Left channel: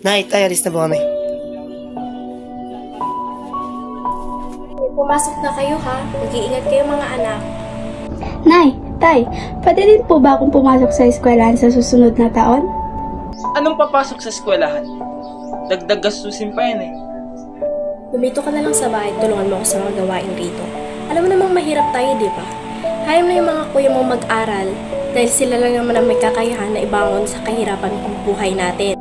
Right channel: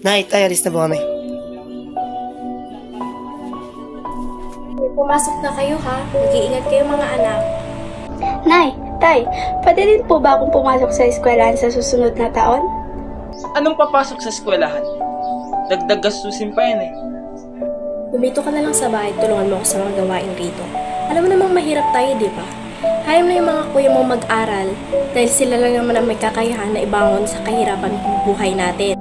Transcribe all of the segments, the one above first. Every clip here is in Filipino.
Nay, tayo, alis na ba kami? Pumasok na kayo ha. Mag-iingat kayo mga anak. Nay, Tay, pwede din po ba akong pumasok sa eskwelahan sa susunod na taon? Anong papasok sa eskwelahan? Dagdag gastusin pa yan eh. Bumito ka na lang sa bahay, tulungan mo ako sa mga gawain rito. Alam mo namang mahirap tayo, di ba? Hayaan mo yung mga kuya mo mag-aral dahil sila lang naman ang may kakayahan na ibangon sa kahirapan ng buhay natin.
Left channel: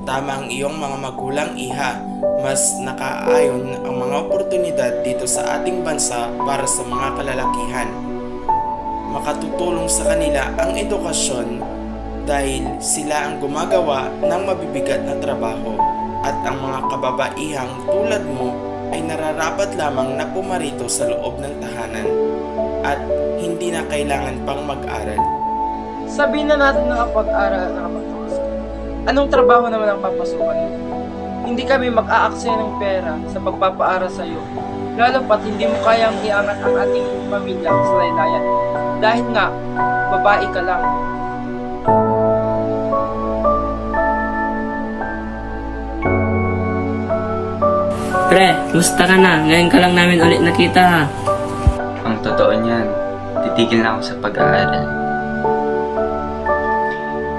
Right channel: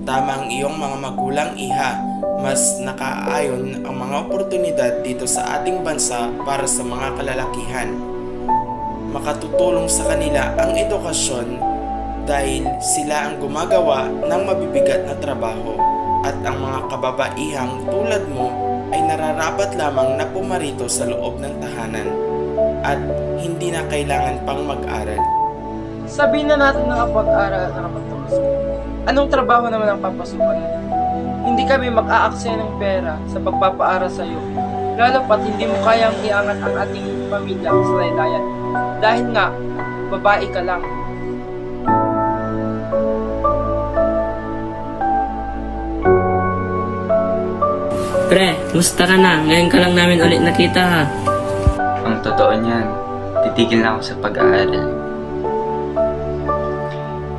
Tama ang iyong mga magulang, Iha. Mas nakaayon ang mga oportunidad dito sa ating bansa para sa mga kalalakihan. Makatutulong sa kanila ang edukasyon dahil sila ang gumagawa ng mabibigat na trabaho at ang mga kababaihang tulad mo ay nararapat lamang na pumarito sa loob ng tahanan at hindi na kailangan pang mag-aral. Sabihin na natin nakapag-aral at nakapagtapos ka. Anong trabaho naman ang papasukan mo? Hindi kami mag-aaksaya ng pera sa pagpapaaral sa iyo, lalo pat hindi mo kayang iangat ang ating pamilya sa laylayan. Dahil nga, babae ka lang. Pre, musta ka na? Ngayon ka lang namin ulit nakita ha. Ang totoo niyan, titigil na ako sa pag-aaral.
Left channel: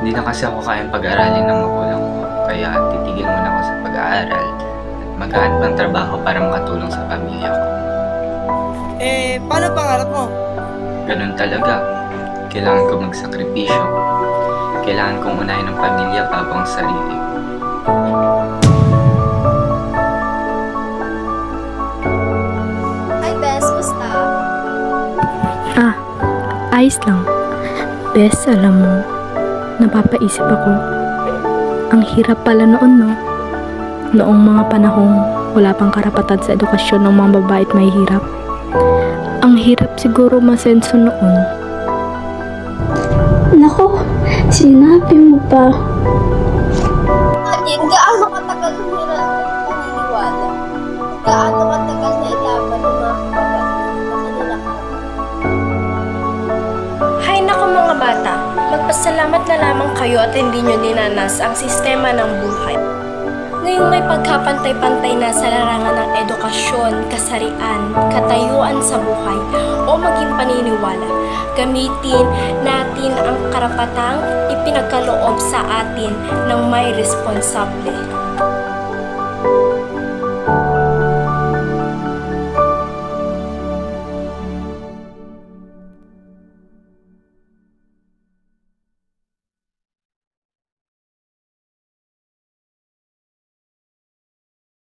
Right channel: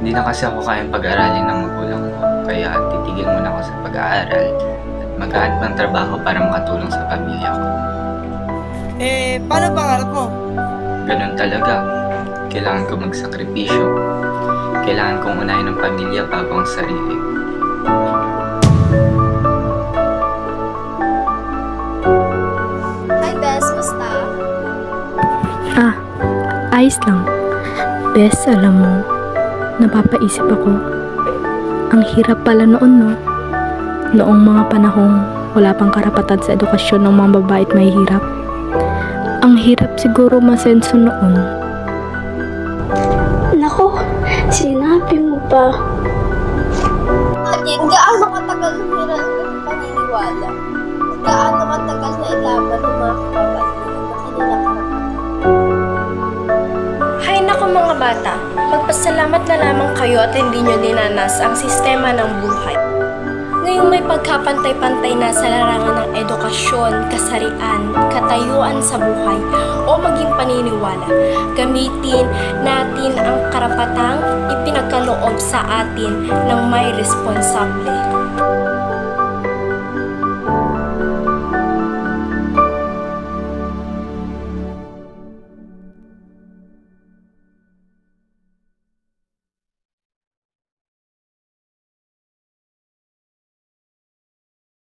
Hindi na kasi ako kayang pag-aralin ng magulang ko, kaya titigil muna ako sa pag-aaral at maghahanap ng trabaho para makatulong sa pamilya ko. Paano pangarap mo? Ganun talaga. Kailangan ko magsakripisyo. Kailangan kong unahin ang pamilya bago ang sarili. Hi Bes, musta? Ayos lang. Bes, alam mo, napapaisip ako. Ang hirap pala noon, no? Noong mga panahong wala pang karapatan sa edukasyon ng mga babae at mahihirap. Ang hirap siguro masenso noon. Nako, sinabi mo pa. Atin, gaano katagal nila paniniwala? Gaano katagal na ilaban ng mga kababaihan na kanila karapatan? Hay nako mga bata, magpasalamat na lamang kayo at hindi nyo dinanas ang sistema ng buhay. Ngayong may pagkapantay-pantay na sa larangan ng edukasyon, kasarian, katayuan sa buhay, o maging paniniwala, gamitin natin ang karapatang ipinagkaloob sa atin ng may responsable.